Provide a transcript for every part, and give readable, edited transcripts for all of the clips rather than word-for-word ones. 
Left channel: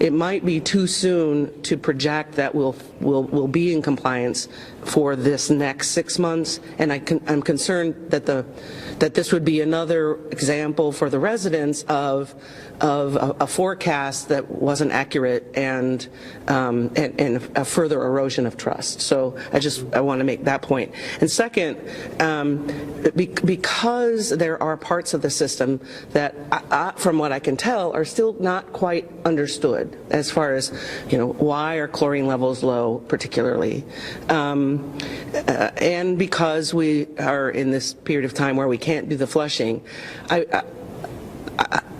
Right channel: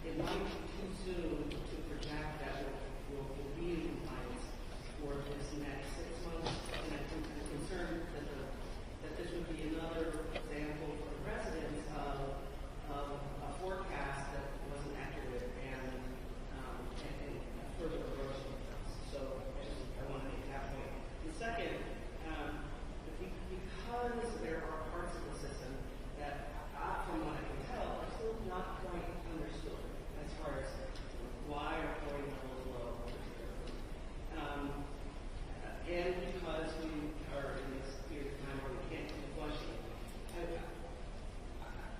it might be too soon to project that we'll be in compliance for this next 6 months, and I'm concerned that that this would be another example for the residents of a forecast that wasn't accurate and a further erosion of trust. So I want to make that point. And second, because there are parts of the system that, from what I can tell, are still not quite understood as far as, why are chlorine levels low, particularly, and because we are in this period of time where we can't do the flushing.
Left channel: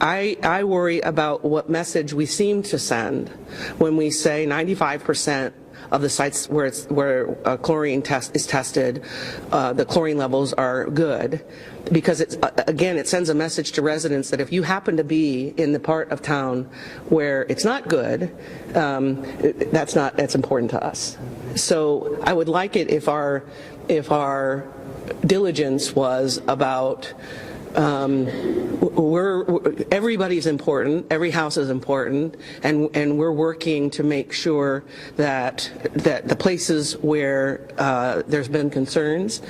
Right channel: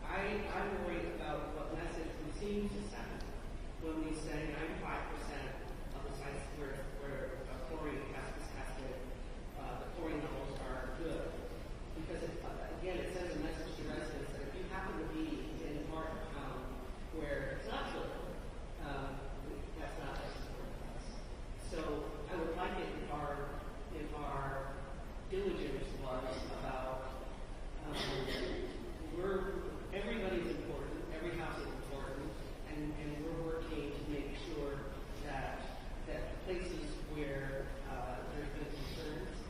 I worry about what message we seem to send when we say 95% of the sites where chlorine is tested, the chlorine levels are good, because again, it sends a message to residents that if you happen to be in the part of town where it's not good, that's important to us. So I would like it if our diligence was about everybody's important, every house is important, and we're working to make sure that the places where there's been concerns,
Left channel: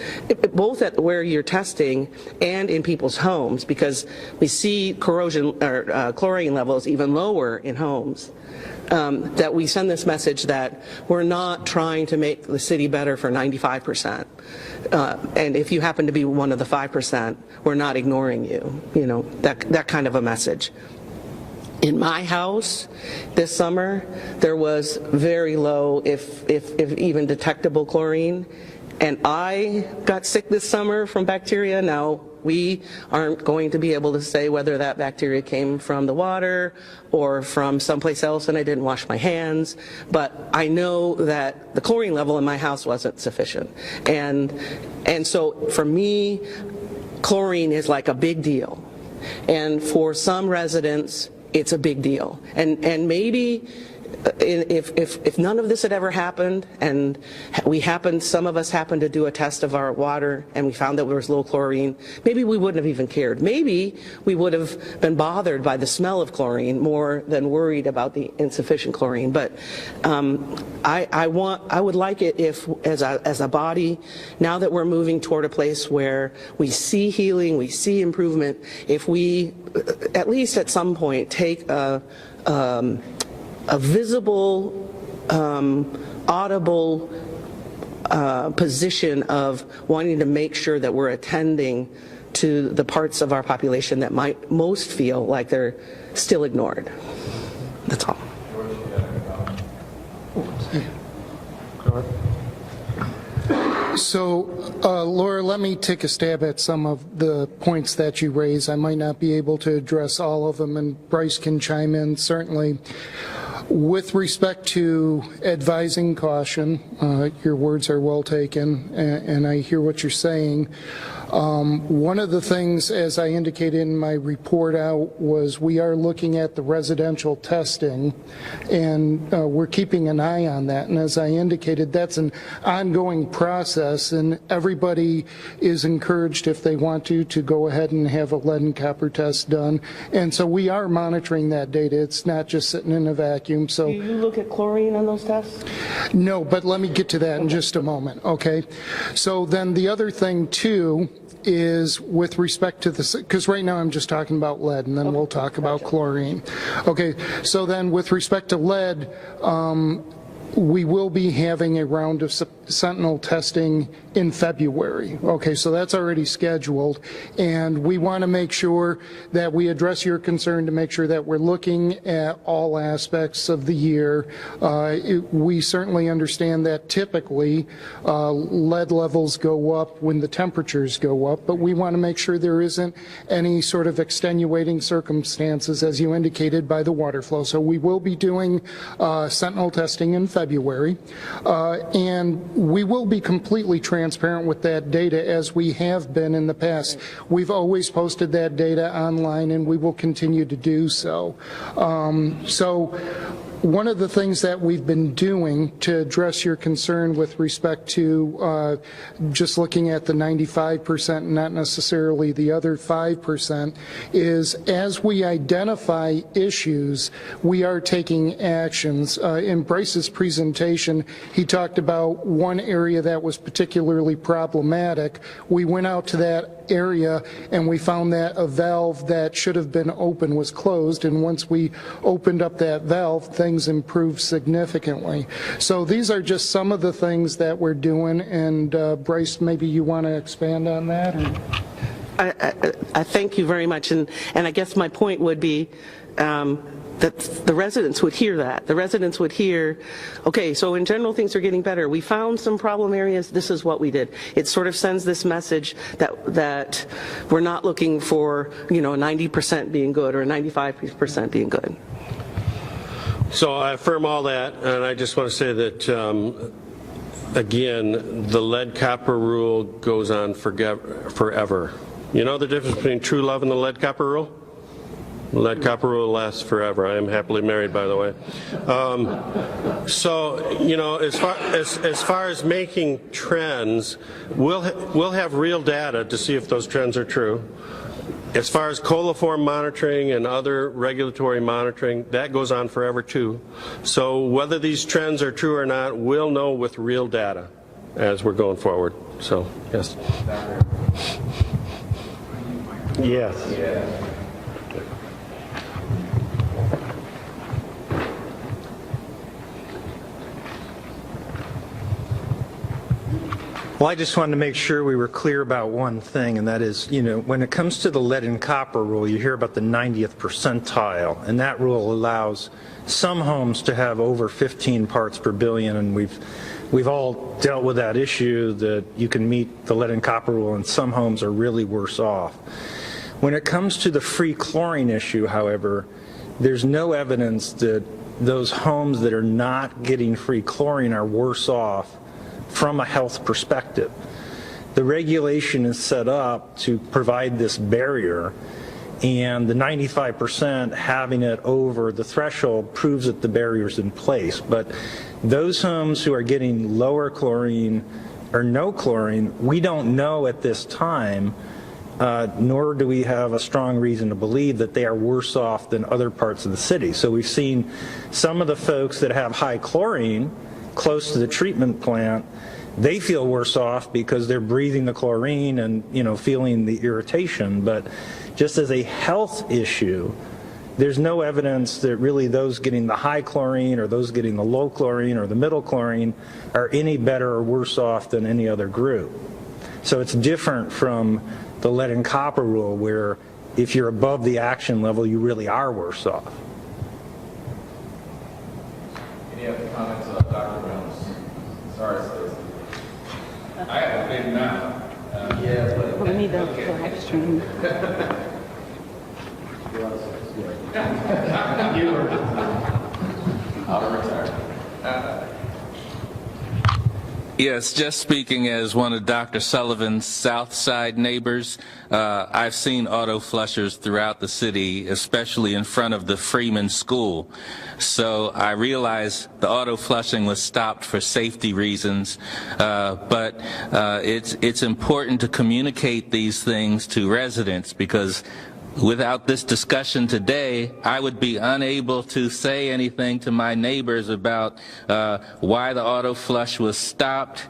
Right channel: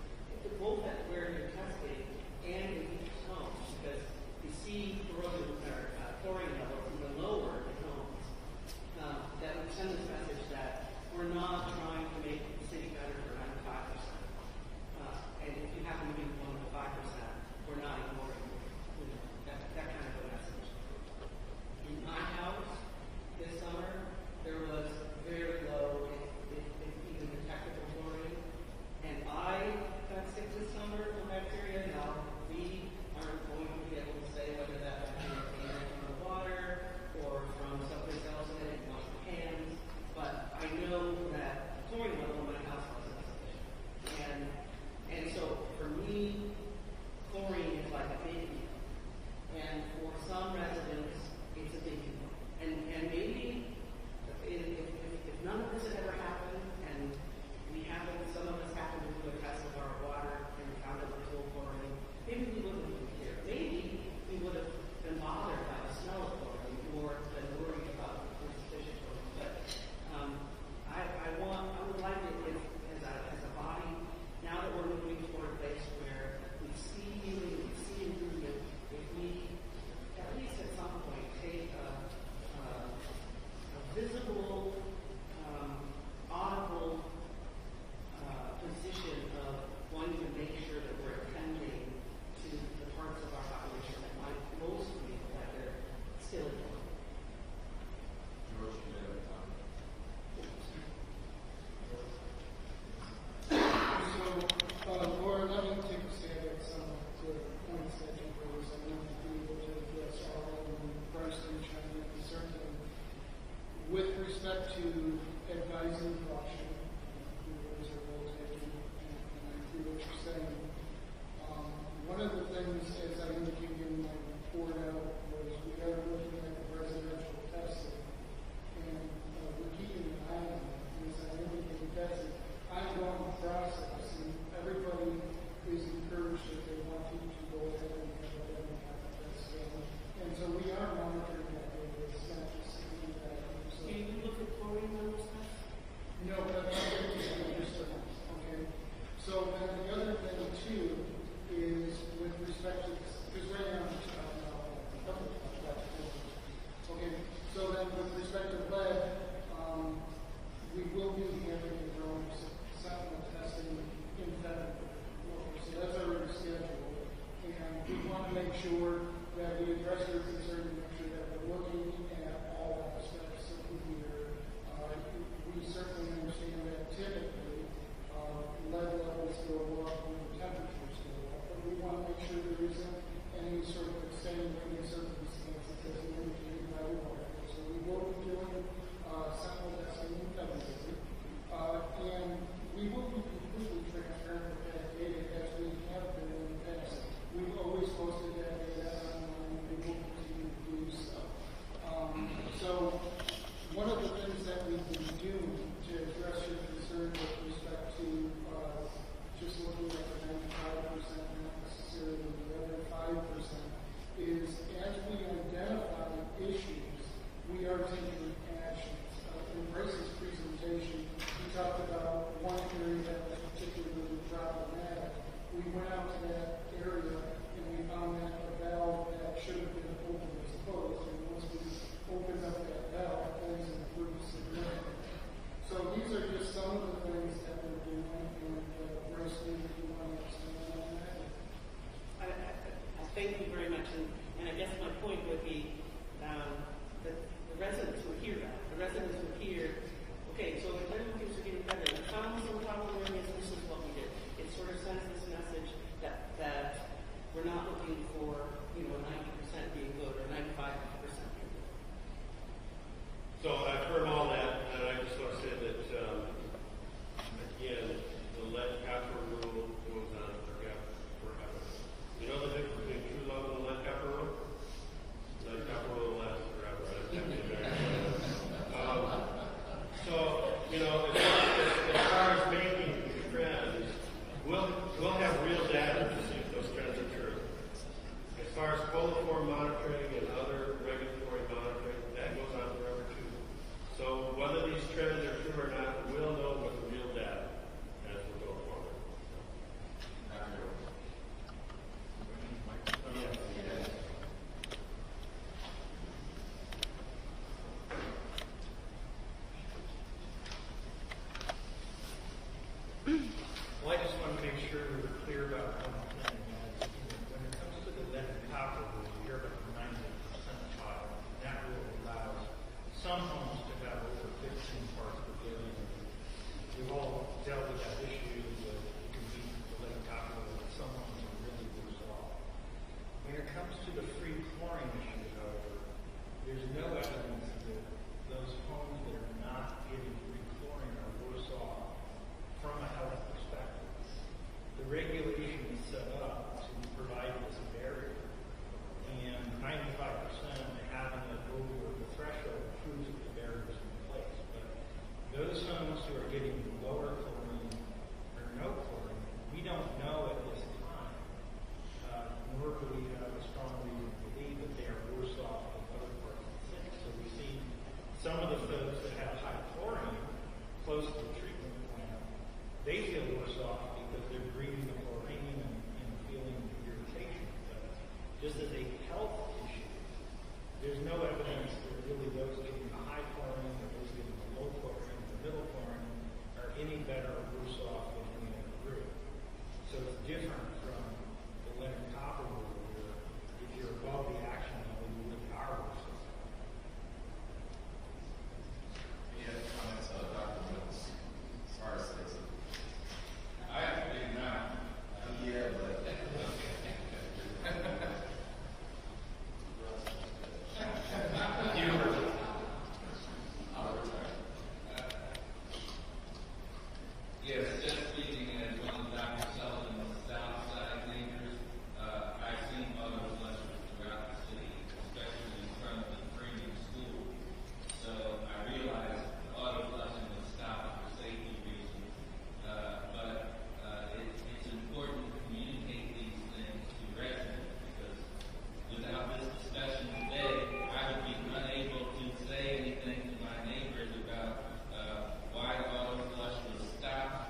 both at where you're testing and in people's homes, because we see corrosion or chlorine levels even lower in homes. That we send this message that we're not trying to make the city better for 95%. And if you happen to be one of the 5%, we're not ignoring you, that kind of a message. In my house this summer, there was very low, if even detectable chlorine, and I got sick this summer from bacteria. Now, we aren't going to be able to say whether that bacteria came from the water or from someplace else, and I didn't wash my hands, but I know that the chlorine level in my house wasn't sufficient. And so for me, chlorine is like a big deal. And for some residents, it's a big deal. And maybe if none of this had ever happened, and some of us happened to do a test of our water and we found that there was low chlorine, maybe we wouldn't have even cared. Maybe we would have been bothered by the smell of chlorine more than worried about the insufficient chlorine. But I would like it if, as a body, now that we're moving toward a place where we see healing, we see improvement, if we at least at some point take a visible, audible position of wanting to make sure that we're attending to the parts of our population that might most feel like they're still ignored. That's all. So, Laura, let me take a stab at some of the points that you raised. I might not be able to address all of them, and Bryce can chime in, certainly. With respect to advising caution, your words are well taken, and I hear what you're saying. One of the things, as I indicated in my report out, was we are looking at the residential testing, and we're keeping an eye on that. And as I indicated, that's an ongoing process, and everybody is encouraged, if they want to go ahead and have a lead and copper test done. And so we are monitoring that data. It's not just sitting in a vacuum. So, do you look at chlorine on those tests? No, but let me get to that in just a moment, okay? So then the other thing, too, is with respect to this, because right now I'm just talking about lead, and then we'll talk about chlorine. Okay, so then with respect to lead, we will be having a round of sentinel testing in February. Okay, so that's already scheduled, and we want to make sure that we address your concern to make sure that we're looking at all aspects of the year. We certainly understand that typically lead levels go up when the temperatures go up, but we want to make sure there isn't any sort of extenuating circumstances, as you indicated, by the water flow. So we will be doing sentinel testing in February, and we will be completely transparent with that data, as we have been in the past. We've always posted that data online, and we will continue to do so. So one of the things that we've been doing to address your concern with respect to just looking at the 95% and not necessarily the other 5% is as we identify issues, we are taking actions. In Bryce's presentation, he talked about one area that was particularly problematic. We went out to that area and we found that a valve that should have been open was closed, and once we opened up that valve, things improved significantly. So these are just some of the things that we're doing, and Bryce, maybe you want to expand on that? I thank you very much, and I guess my point would be that the residents would hear that. The residents would hear, okay, so in general things are getting better. We found some problem areas, this is what we did. It sort of sends this message that we're not looking for, you know, 90% being good or 95% being good. So I affirm all that, and I just want to say that, again, the lead copper rule goes on forever. You know the difference between true love and the lead copper rule? The lead copper rule lasts forever. I am happily married, by the way. So, you know, as far as making trends, we'll have real data to see if those trends are true. As far as coliform monitoring and other regulatory monitoring, that goes on forever too. So whether these trends are true or not, we'll know with real data as we're going forward. So, yes. Yes. Yeah. Well, I just wanted to make sure we were clear about one thing, and that is, you know, when it comes to the lead and copper rule, you hear about the 90th percentile, and that rule allows some homes to have over 15 parts per billion, and we've all dealt with that issue that you can meet the lead and copper rule, and some homes are really worse off. When it comes to the free chlorine issue, however, there's no evidence that those homes that are not getting free chlorine are worse off from a health perspective. The regulation is set up to provide this barrier, and the 95% having it over the threshold proves that the barrier's in place. But those homes who are getting lower chlorine or no chlorine, we don't know at this time, nor do we have a strong reason to believe that they are worse off than other parts of the city. So we've seen some of the folks that have high chlorine close to the treatment plant, they feel worse off because they're breathing the chlorine and, you know, feeling the irritation. But just as a health issue, there's no evidence that really those getting the high chlorine or those getting the low chlorine or the middle chlorine are any better or worse off than any other group. So it's different from the lead and copper rule, where if you're above the action level, you really are worse off. Any other comments, Dr. Jones? Sorry, Stacey. I have a big mouth. Yeah, but We need a live stream. I'll retire. Yes, just speaking as one of Dr. Sullivan's South Side neighbors, I've seen auto flushers throughout the city, especially in front of the Freeman School. So I realize the auto flushing was stopped for safety reasons, but it's important to communicate these things to residents, because without this discussion today, I would be unable to say anything to my neighbors about why the auto flush was stopped,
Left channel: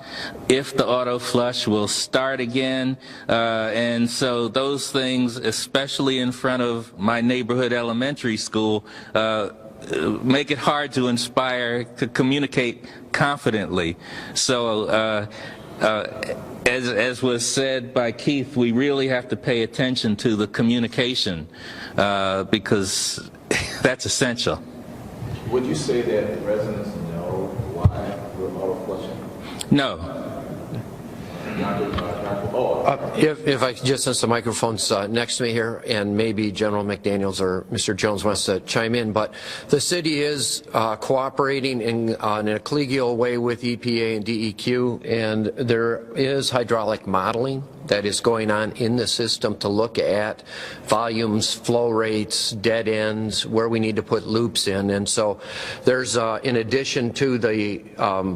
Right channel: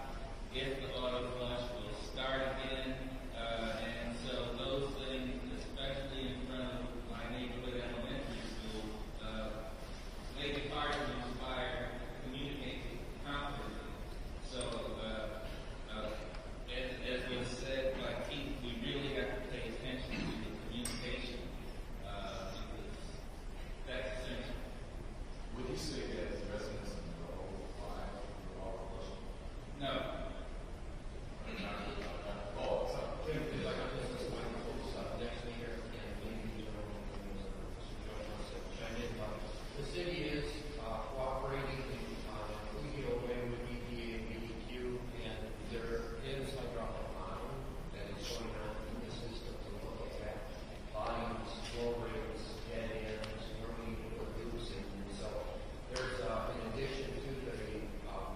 if the auto flush will start again, and so those things, especially in front of my neighborhood elementary school, make it hard to inspire, to communicate confidently. So as was said by Keith, we really have to pay attention to the communication because that's essential. Would you say that residents know why we're auto flushing? No. If I could just, since the microphone's next to me here, and maybe General McDaniels or Mr. Jones wants to chime in, but the city is cooperating in a collegial way with EPA and DEQ, and there is hydraulic modeling that is going on in the system to look at volumes, flow rates, dead ends, where we need to put loops in. And so there's, in addition to the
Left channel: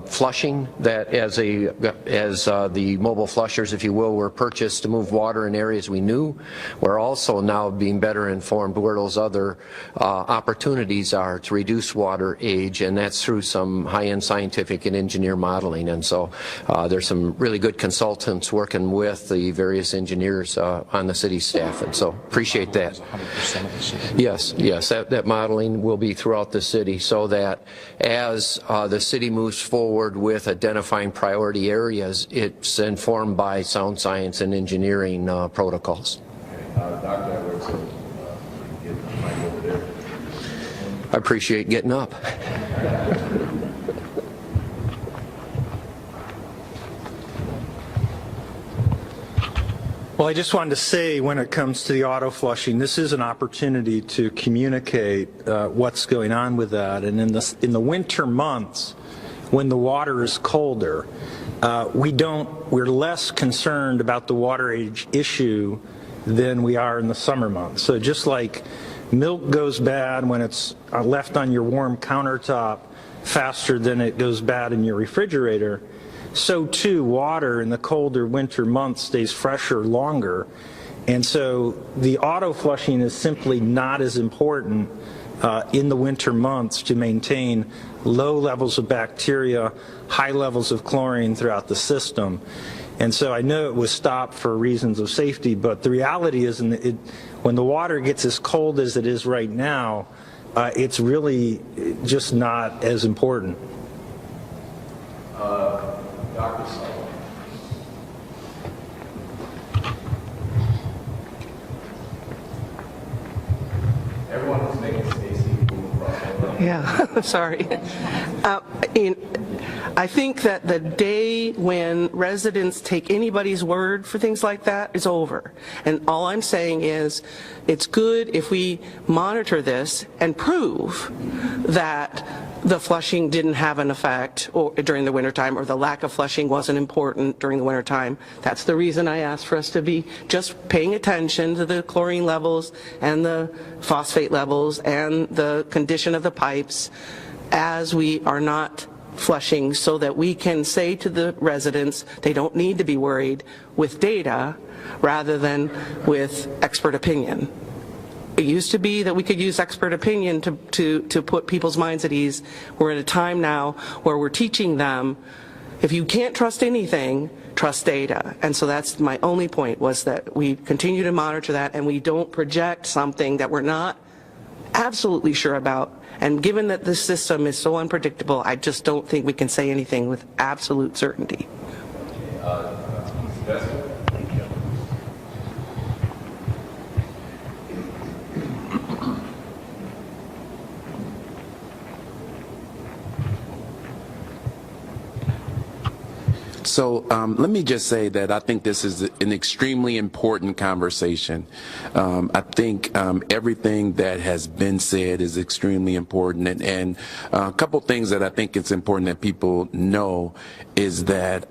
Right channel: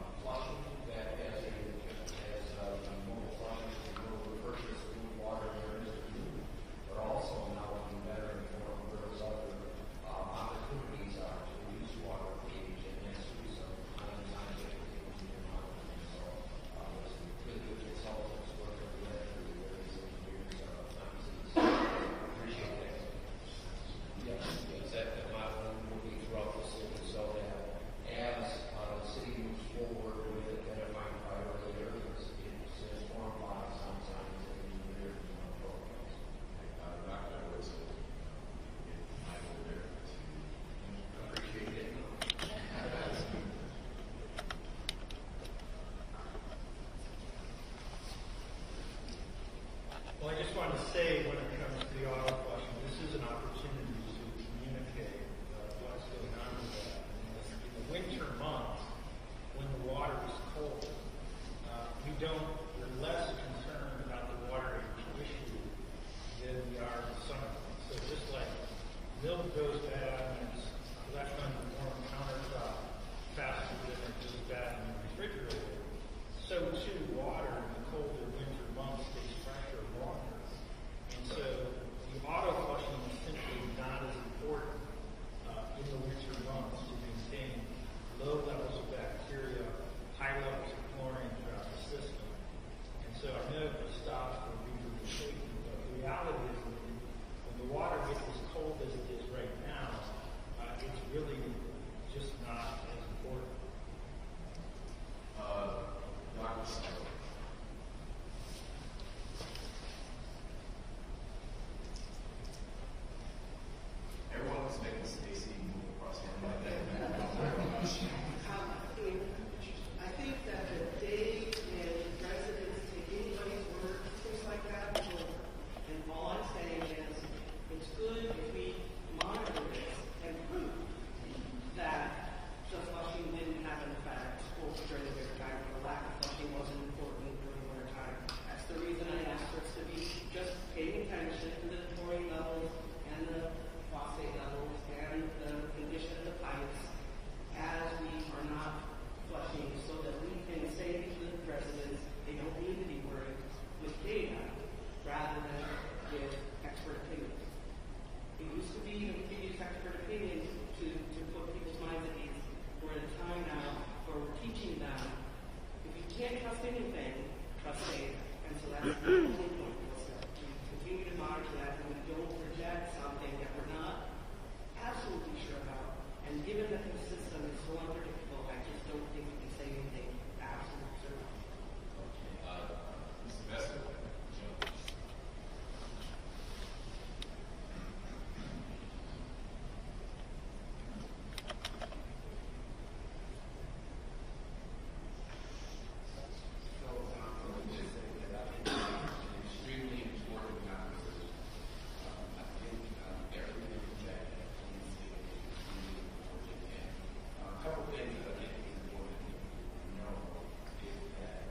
flushing, that as the mobile flushers, if you will, were purchased to move water in areas we knew, we're also now being better informed where those other opportunities are to reduce water age, and that's through some high-end scientific and engineer modeling. And so there's some really good consultants working with the various engineers on the city staff, and so appreciate that. Yes, that modeling will be throughout the city, so that as the city moves forward with identifying priority areas, it's informed by sound science and engineering protocols. Dr. Edwards, get the mic over there. I appreciate getting up. Well, I just wanted to say, when it comes to the auto flushing, this is an opportunity to communicate what's going on with that. And in the winter months, when the water is colder, we're less concerned about the water age issue than we are in the summer months. So just like milk goes bad when it's left on your warm countertop faster than it goes bad in your refrigerator, so too water in the colder winter months stays fresher longer. And so the auto flushing is simply not as important in the winter months to maintain low levels of bacteria, high levels of chlorine throughout the system. And so I know it was stopped for reasons of safety, but the reality is when the water gets as cold as it is right now, it's really just not as important. Dr. Sullivan. Everyone is making Stacy move across the room. Yeah, sorry. I think that the day when residents take anybody's word for things like that is over. And all I'm saying is it's good if we monitor this and prove that the flushing didn't have an effect during the wintertime, or the lack of flushing wasn't important during the wintertime. That's the reason I asked for us to be just paying attention to the chlorine levels and the phosphate levels and the condition of the pipes as we are not flushing, so that we can say to the residents they don't need to be worried with data rather than with expert opinion. It used to be that we could use expert opinion to put people's minds at ease. We're at a time now where we're teaching them, if you can't trust anything, trust data. And so that's my only point, was that we continue to monitor that and we don't project something that we're not absolutely sure about. And given that this system is so unpredictable, I just don't think we can say anything with absolute certainty. So let me just say that I think this is an extremely important conversation. I think everything that has been said is extremely important. And a couple things that I think it's important that people know is that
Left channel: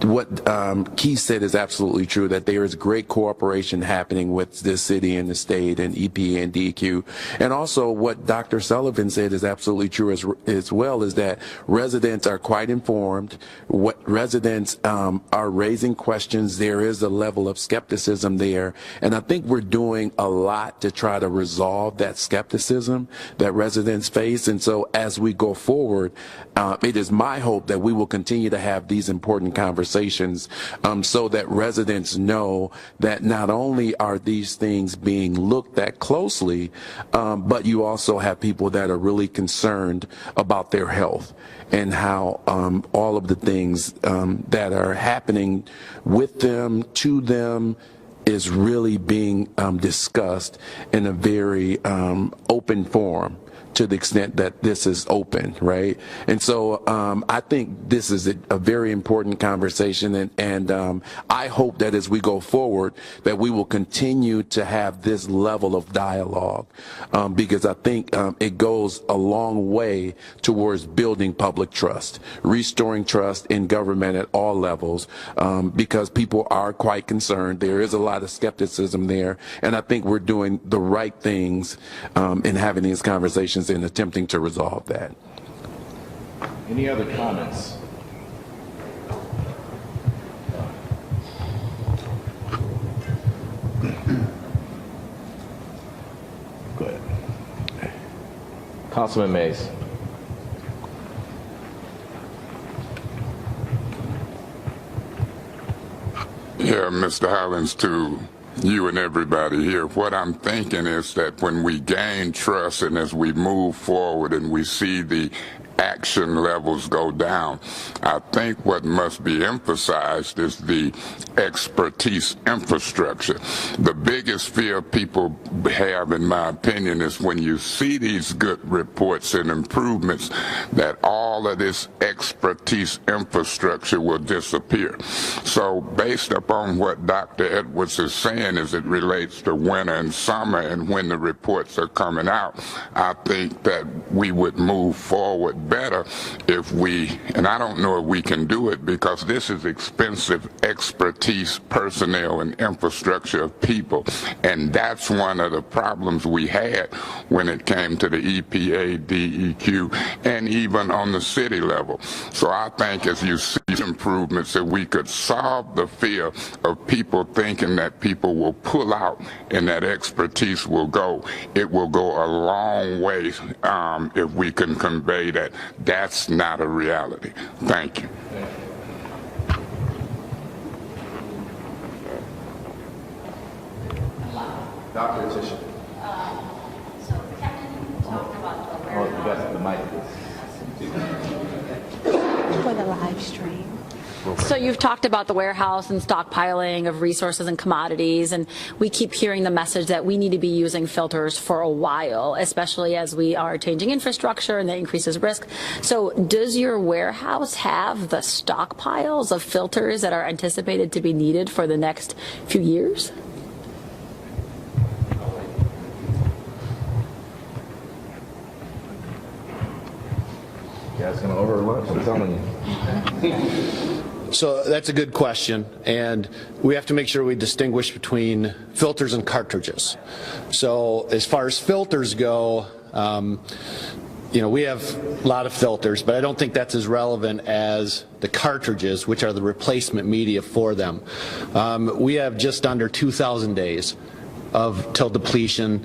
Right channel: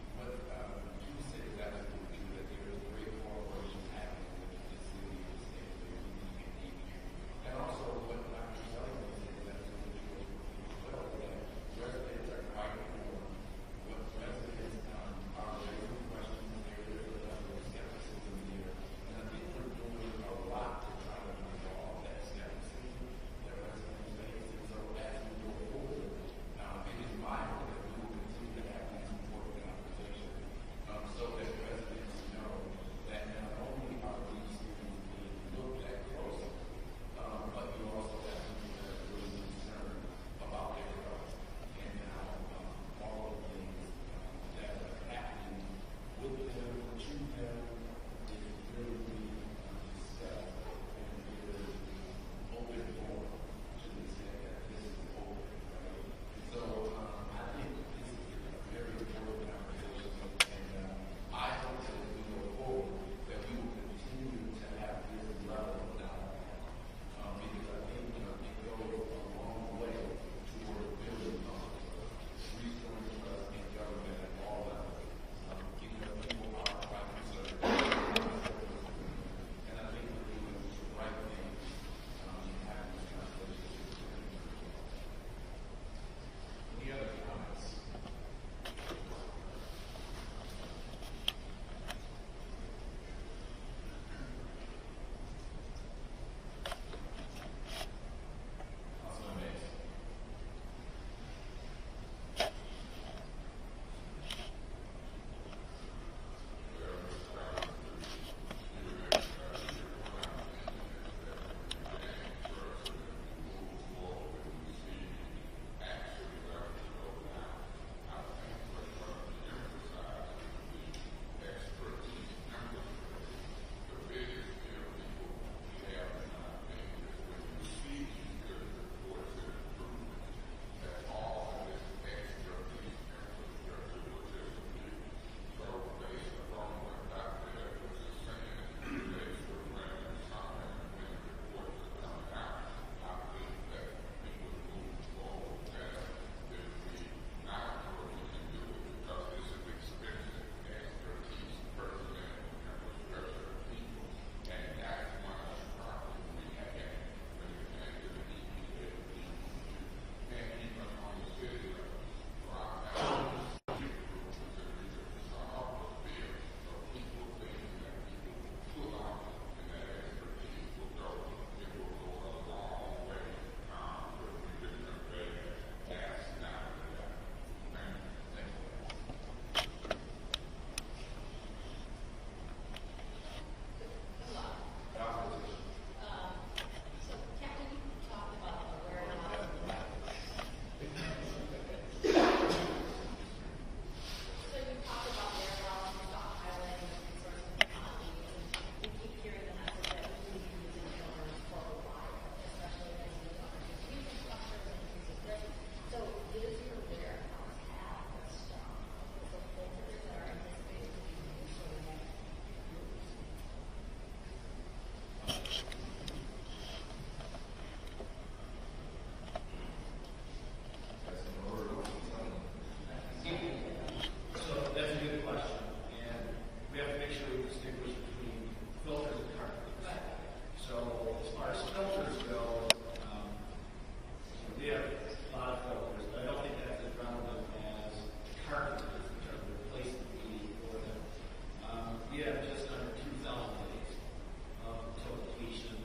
what Keith said is absolutely true, that there is great cooperation happening with the city and the state and EPA and DEQ. And also what Dr. Sullivan said is absolutely true as well, is that residents are quite informed. What residents are raising questions. There is a level of skepticism there. And I think we're doing a lot to try to resolve that skepticism that residents face. And so as we go forward, it is my hope that we will continue to have these important conversations so that residents know that not only are these things being looked at closely, but you also have people that are really concerned about their health and how all of the things that are happening with them, to them, is really being discussed in a very open forum, to the extent that this is open, right? And so I think this is a very important conversation, and I hope that as we go forward that we will continue to have this level of dialogue, because I think it goes a long way towards building public trust, restoring trust in government at all levels, because people are quite concerned. There is a lot of skepticism there, and I think we're doing the right things in having these conversations and attempting to resolve that. Any other comments? Go ahead. Councilman Mays. Yeah, Mr. Hollins, to you and everybody here, what I'm thinking is that when we gain trust and as we move forward and we see the action levels go down, I think what must be emphasized is the expertise infrastructure. The biggest fear people have, in my opinion, is when you see these good reports and improvements, that all of this expertise infrastructure will disappear. So based upon what Dr. Edwards is saying as it relates to winter and summer and when the reports are coming out, I think that we would move forward better if we, and I don't know if we can do it because this is expensive expertise, personnel, and infrastructure of people, and that's one of the problems we had when it came to the EPA, DEQ, and even on the city level. So I think as you see improvements that we could solve the fear of people thinking that people will pull out and that expertise will go. It will go a long way if we can convey that that's not a reality. Thank you. Dr. Tisha. So, Captain, you talked about the warehouse. Oh, that's the mic. For the live stream. So you've talked about the warehouse and stockpiling of resources and commodities, and we keep hearing the message that we need to be using filters for a while, especially as we are changing infrastructure and that increases risk. So does your warehouse have the stockpiles of filters that are anticipated to be needed for the next few years? You guys gonna over lunch? I'm telling you. So that's a good question, and we have to make sure we distinguish between filters and cartridges. So as far as filters go, we have a lot of filters, but I don't think that's as relevant as the cartridges, which are the replacement media for them. We have just under 2,000 days till depletion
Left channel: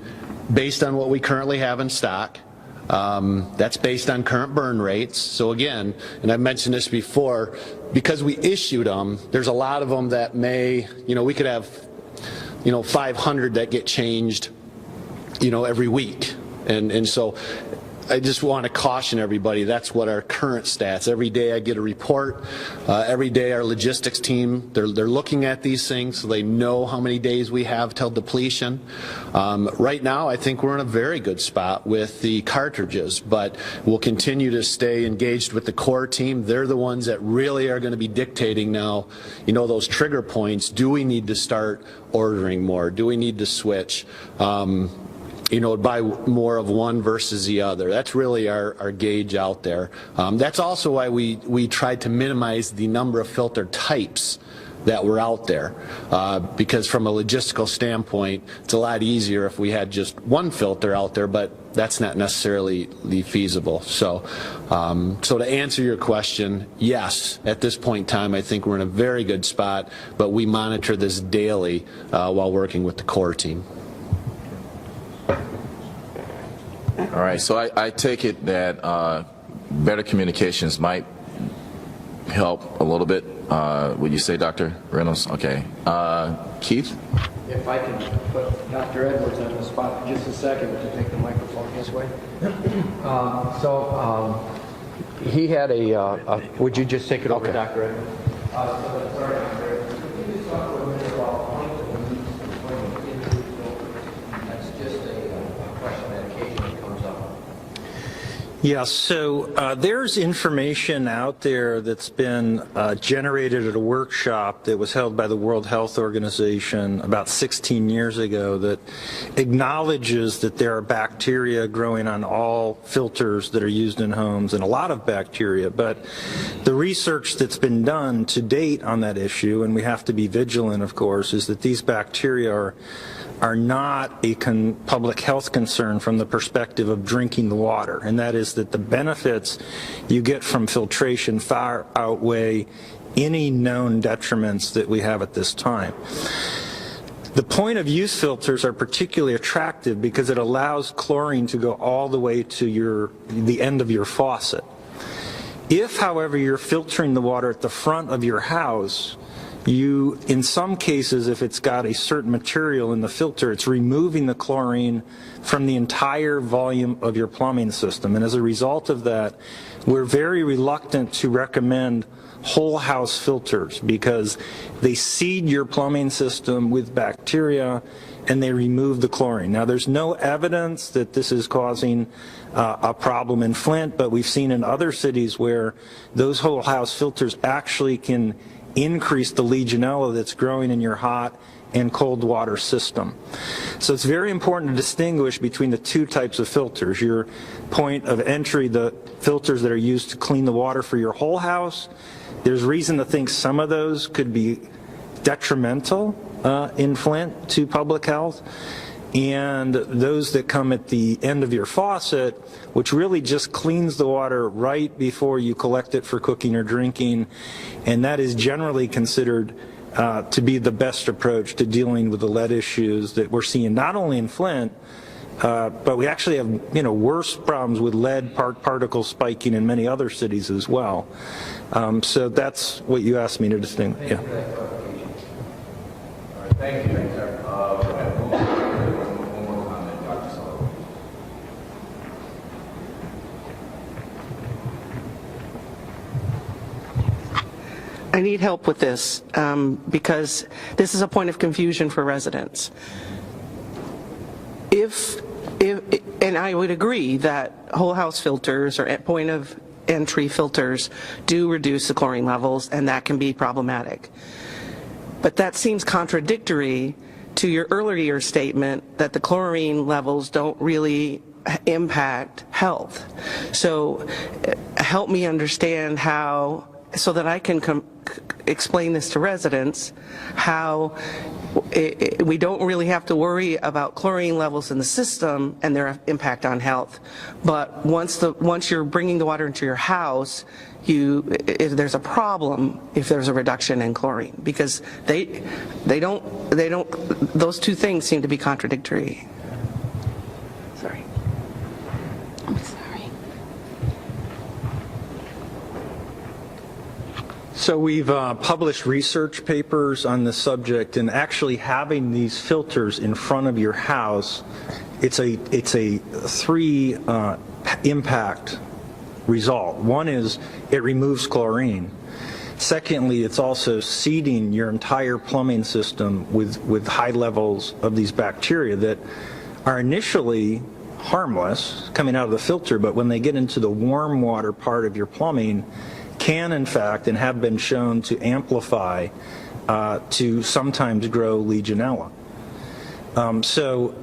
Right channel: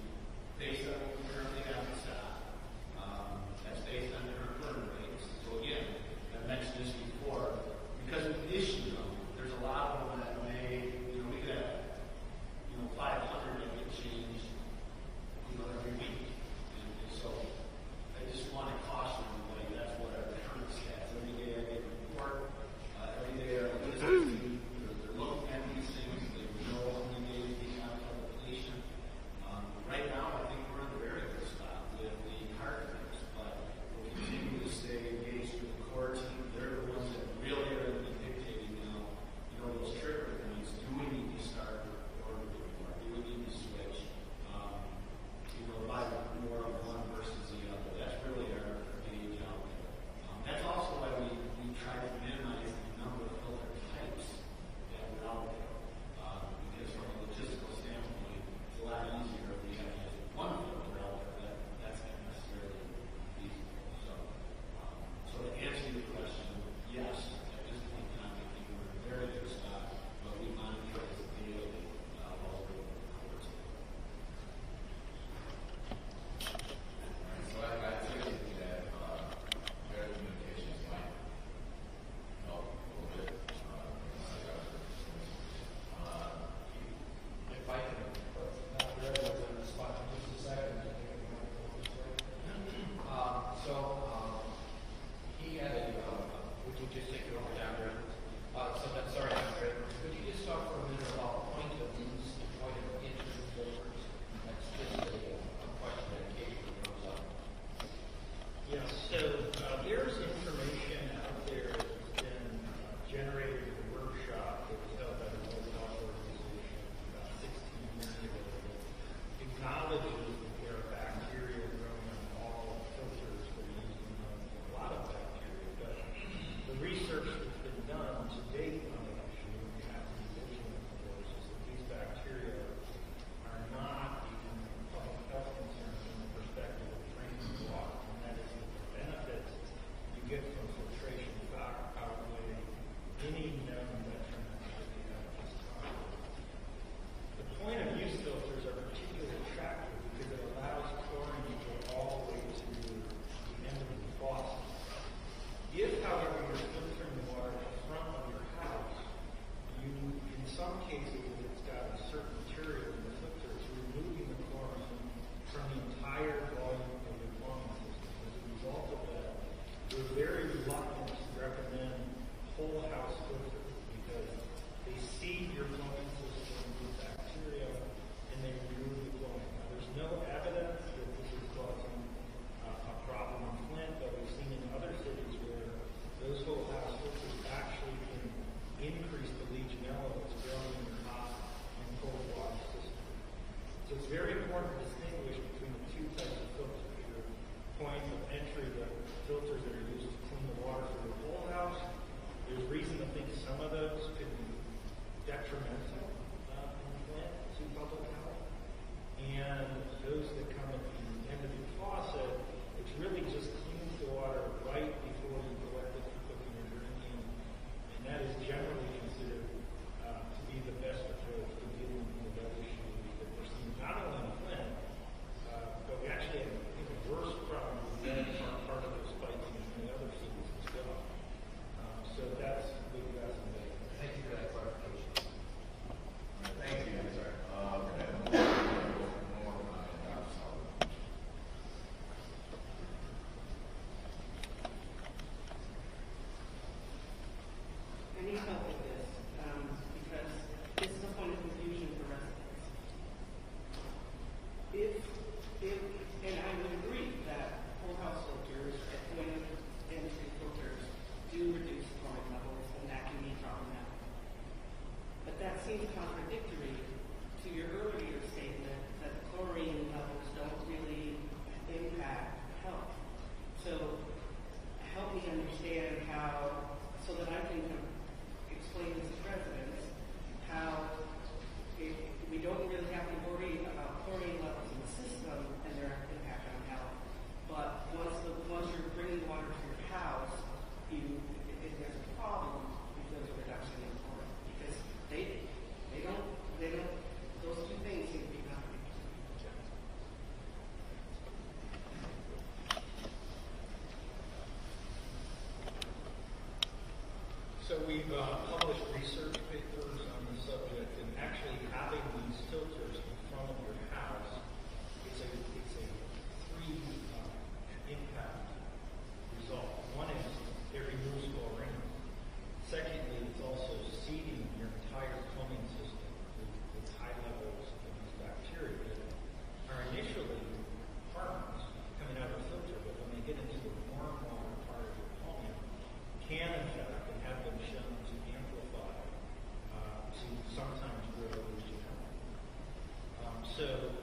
based on what we currently have in stock. That's based on current burn rates. So again, and I've mentioned this before, because we issued them, there's a lot of them that may, we could have, 500 that get changed, every week. And so I just want to caution everybody, that's what our current stats. Every day I get a report. Every day our logistics team, they're looking at these things so they know how many days we have till depletion. Right now I think we're in a very good spot with the cartridges, but we'll continue to stay engaged with the core team. They're the ones that really are going to be dictating now, those trigger points. Do we need to start ordering more? Do we need to switch? Buy more of one versus the other. That's really our gauge out there. That's also why we tried to minimize the number of filter types that were out there, because from a logistical standpoint, it's a lot easier if we had just one filter out there, but that's not necessarily feasible. So to answer your question, yes, at this point in time, I think we're in a very good spot, but we monitor this daily while working with the core team. All right, so I take it that better communications might help a little bit. Would you say, Dr. Reynolds? Okay. Keith? If I can put Dr. Edwards on the spot for just a second to take the microphone his way. He had would you just take it over, Dr. Edwards? Sorry, could you just talk for a minute about point of use and point of individual filters? That's just a question that occasionally comes up. Yes, so there's information out there that's been generated at a workshop that was held by the World Health Organization about 16 years ago that acknowledges that there are bacteria growing on all filters that are used in homes, and a lot of bacteria. But the research that's been done to date on that issue, and we have to be vigilant, of course, is that these bacteria are not a public health concern from the perspective of drinking the water, and that is that the benefits you get from filtration far outweigh any known detriments that we have at this time. The point of use filters are particularly attractive because it allows chlorine to go all the way to the end of your faucet. If, however, you're filtering the water at the front of your house, in some cases, if it's got a certain material in the filter, it's removing the chlorine from the entire volume of your plumbing system. And as a result of that, we're very reluctant to recommend whole house filters because they seed your plumbing system with bacteria and they remove the chlorine. Now, there's no evidence that this is causing a problem in Flint, but we've seen in other cities where those whole house filters actually can increase the Legionella that's growing in your hot and cold water system. So it's very important to distinguish between the two types of filters. Your point of entry, the filters that are used to clean the water for your whole house, there's reason to think some of those could be detrimental in Flint to public health. And those that come at the end of your faucet, which really just cleans the water right before you collect it for cooking or drinking, and that is generally considered to be the best approach to dealing with the lead issues that we're seeing not only in Flint, but we actually have worse problems with lead particle spiking in many other cities as well. So that's what you asked me to distinguish. Yeah. Thank you. I need help with this because this is a point of confusion for residents. And I would agree that whole house filters or point of entry filters do reduce the chlorine levels, and that can be problematic. But that seems contradictory to your earlier statement that the chlorine levels don't really impact health. So help me understand how, so that I can explain this to residents, how we don't really have to worry about chlorine levels in the system and their impact on health. But once you're bringing the water into your house, if there's a problem if there's a reduction in chlorine, because those two things seem to be contradictory. Sorry. I'm sorry. So we've published research papers on this subject, and actually having these filters in front of your house, it's a three impact result. One is it removes chlorine. Secondly, it's also seeding your entire plumbing system with high levels of these bacteria that are initially harmless coming out of the filter, but when they get into the warm water part of your plumbing, can in fact and have been shown to amplify to sometimes grow Legionella. So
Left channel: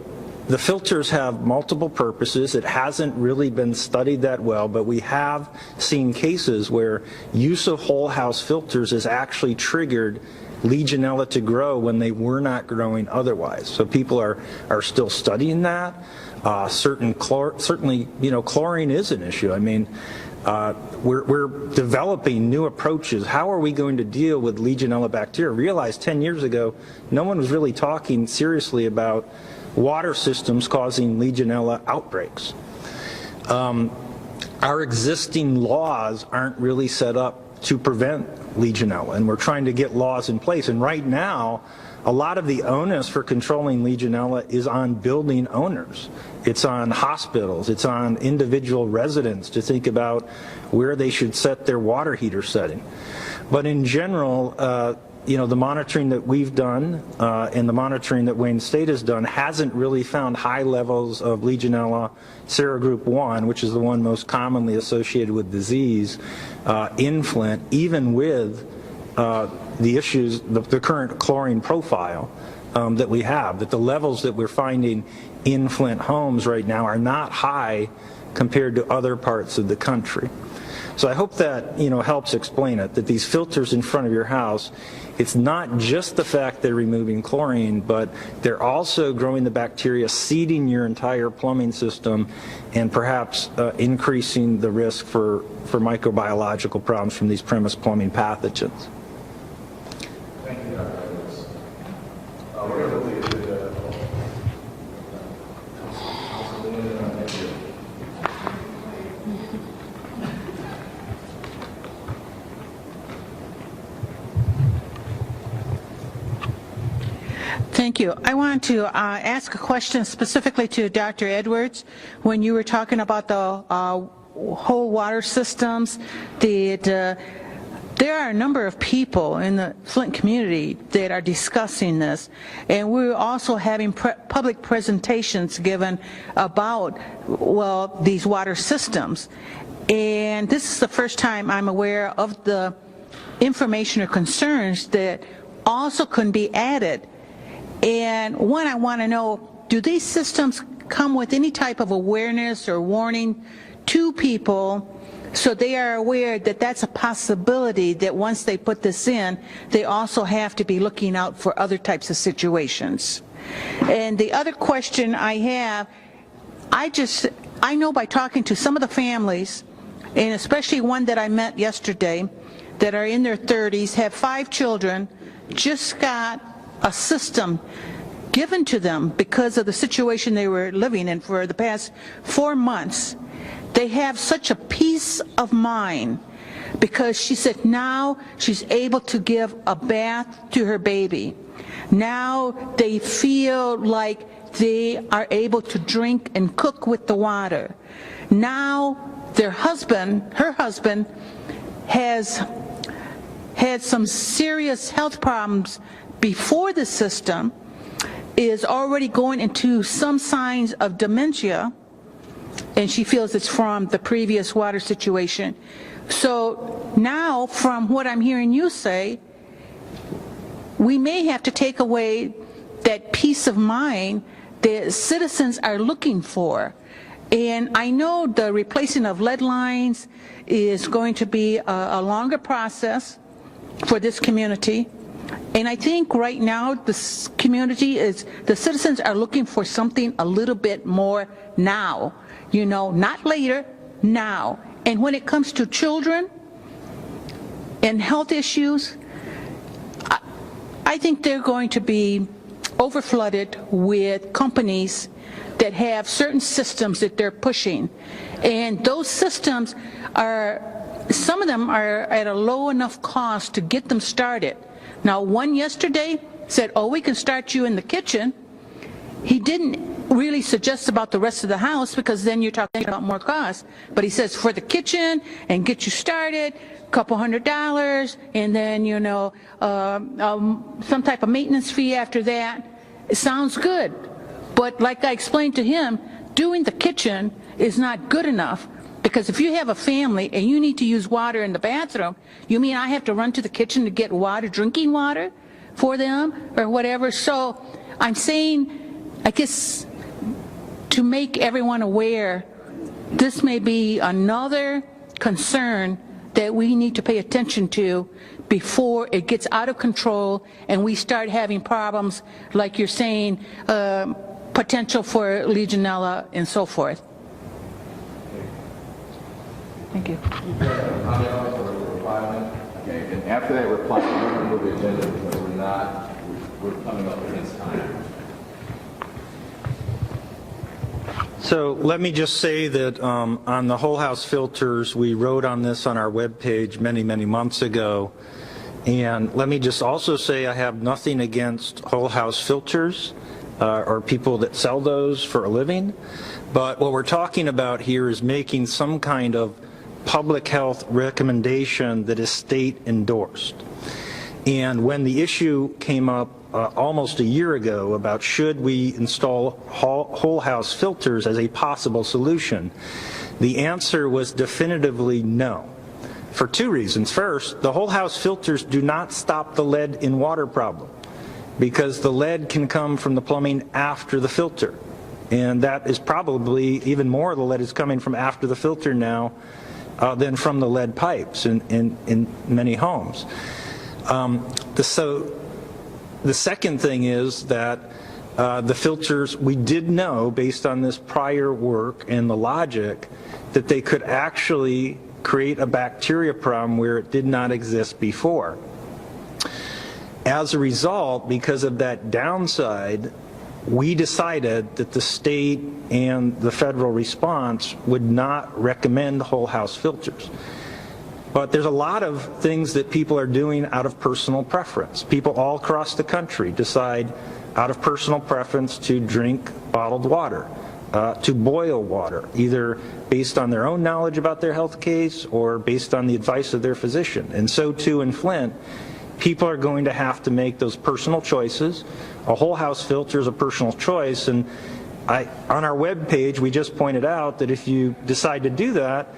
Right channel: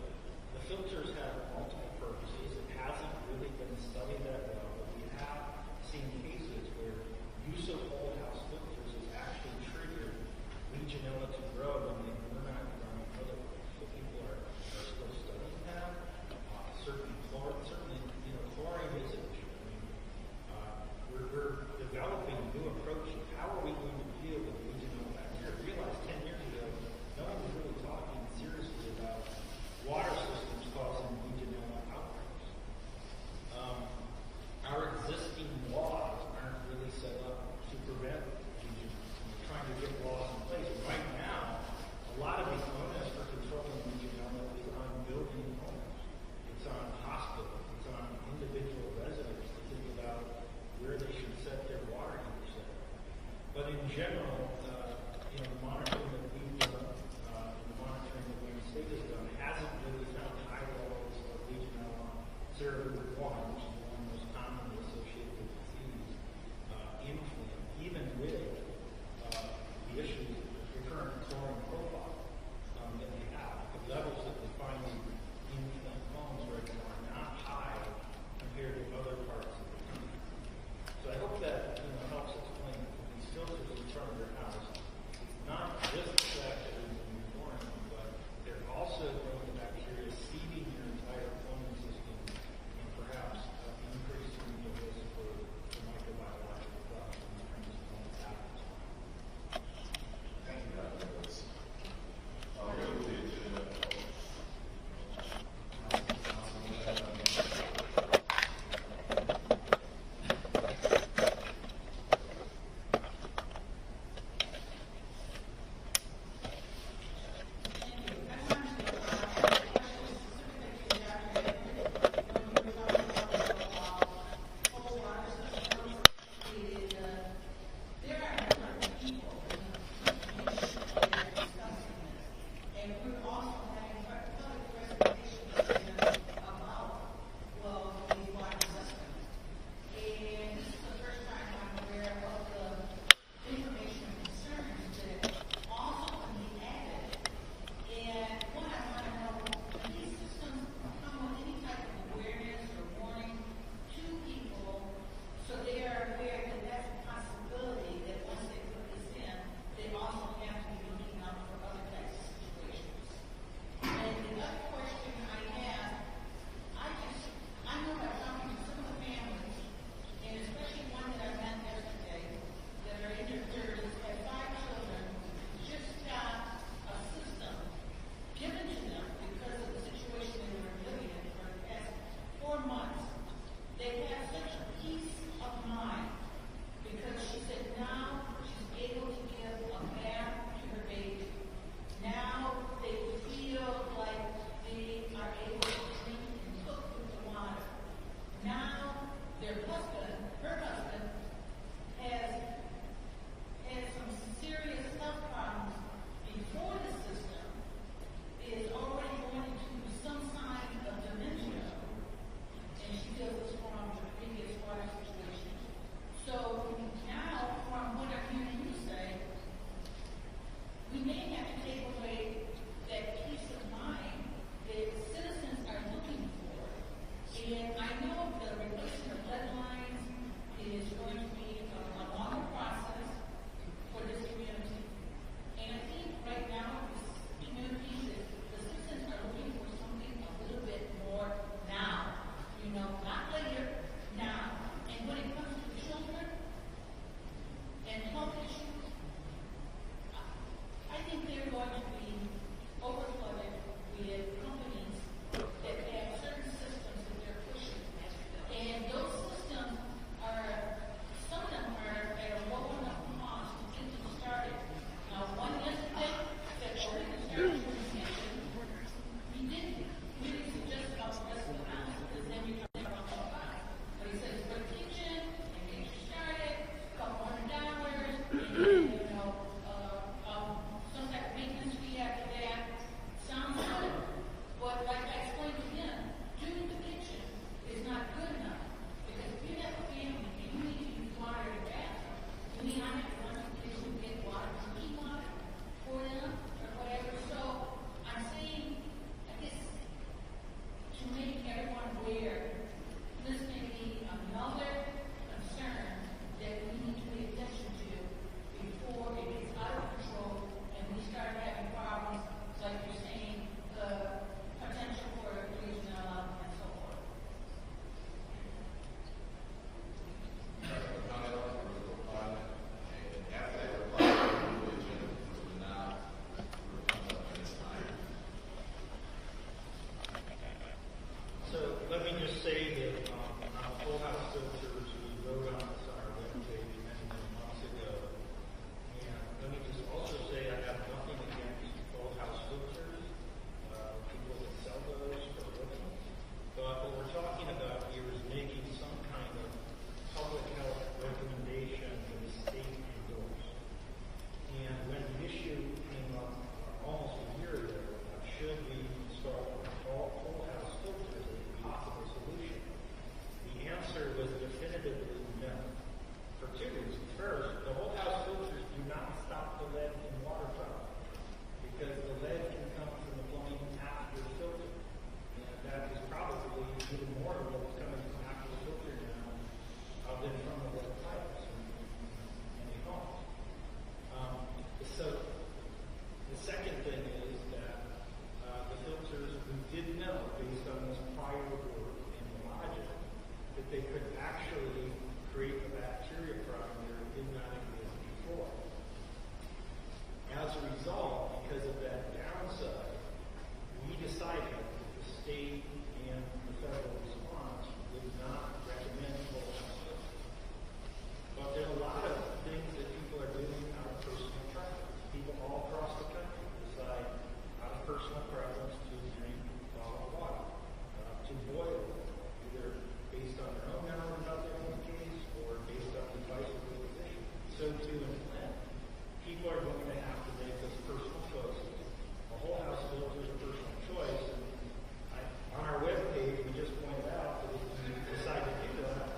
the filters have multiple purposes. It hasn't really been studied that well, but we have seen cases where use of whole house filters has actually triggered Legionella to grow when they were not growing otherwise. So people are still studying that. Certainly, chlorine is an issue. I mean, we're developing new approaches. How are we going to deal with Legionella bacteria? Realize 10 years ago, no one was really talking seriously about water systems causing Legionella outbreaks. Our existing laws aren't really set up to prevent Legionella, and we're trying to get laws in place. And right now, a lot of the onus for controlling Legionella is on building owners. It's on hospitals. It's on individual residents to think about where they should set their water heater setting. But in general, you know, the monitoring that we've done and the monitoring that Wayne State has done hasn't really found high levels of Legionella serogroup 1, which is the one most commonly associated with disease in Flint, even with the issues, the current chlorine profile that we have, that the levels that we're finding in Flint homes right now are not high compared to other parts of the country. So I hope that, you know, helps explain it, that these filters in front of your house, it's not just the fact they're removing chlorine, but they're also growing the bacteria, seeding your entire plumbing system, and perhaps increasing the risk for microbiological problems from these premise plumbing pathogens. Thank you, Dr. We're going to leave it Thank you. I want to ask a question specifically to Dr. Edwards. When you were talking about the whole water systems, there are a number of people in the Flint community that are discussing this, and we're also having public presentations given about, well, these water systems. And this is the first time I'm aware of the information or concerns that also can be added. And one, I want to know, do these systems come with any type of awareness or warning to people so they are aware that that's a possibility, that once they put this in, they also have to be looking out for other types of situations? And the other question I have, I know by talking to some of the families, and especially one that I met yesterday, that are in their 30s, have 5 children, just got a system given to them because of the situation they were living in for the past 4 months. They have such a peace of mind because she said now she's able to give a bath to her baby. Now they feel like they are able to drink and cook with the water. Now her husband has had some serious health problems before the system, is already going into some signs of dementia, and she feels it's from the previous water situation. So now, from what I'm hearing you say, we may have to take away that peace of mind that citizens are looking for. And I know the replacing of lead lines is going to be a longer process for this community. And I think right now this community is, the citizens are looking for something a little bit more now, you know, not later, now. And when it comes to children and health issues, I think they're going to be overflooded with companies that have certain systems that they're pushing. And those systems are, some of them are at a low enough cost to get them started. Now, one yesterday said, oh, we can start you in the kitchen. He didn't really suggest about the rest of the house because then you're talking about more cost. But he says for the kitchen and get you started, couple $100, and then, you know, some type of maintenance fee after that. It sounds good. But like I explained to him, doing the kitchen is not good enough, because if you have a family and you need to use water in the bathroom, you mean I have to run to the kitchen to get water, drinking water for them or whatever? So I'm saying, I guess, to make everyone aware, this may be another concern that we need to pay attention to before it gets out of control and we start having problems like you're saying, potential for Legionella and so forth. Thank you. Okay, and after that reply, we're going to move the agenda because we're coming up against time. So let me just say that on the whole house filters, we wrote on this on our webpage many, many months ago. And let me just also say I have nothing against whole house filters or people that sell those for a living. But what we're talking about here is making some kind of public health recommendation that is state endorsed. And when the issue came up almost a year ago about should we install whole house filters as a possible solution, the answer was definitively no, for two reasons. First, the whole house filters do not stop the lead in water problem, because the lead can come from the plumbing after the filter. And that is probably even more of the lead is coming from after the filter now than from the lead pipes in many homes. So the second thing is that the filters, we did know based on this prior work and the logic that they could actually create a bacteria problem where it did not exist before. As a result, because of that downside, we decided that the state and the federal response would not recommend whole house filters. But there's a lot of things that people are doing out of personal preference. People all across the country decide out of personal preference to drink bottled water, to boil water, either based on their own knowledge about their health case or based on the advice of their physician. And so too in Flint, people are going to have to make those personal choices. A whole house filter is a personal choice, and on our web page we just pointed out that if you decide to do that,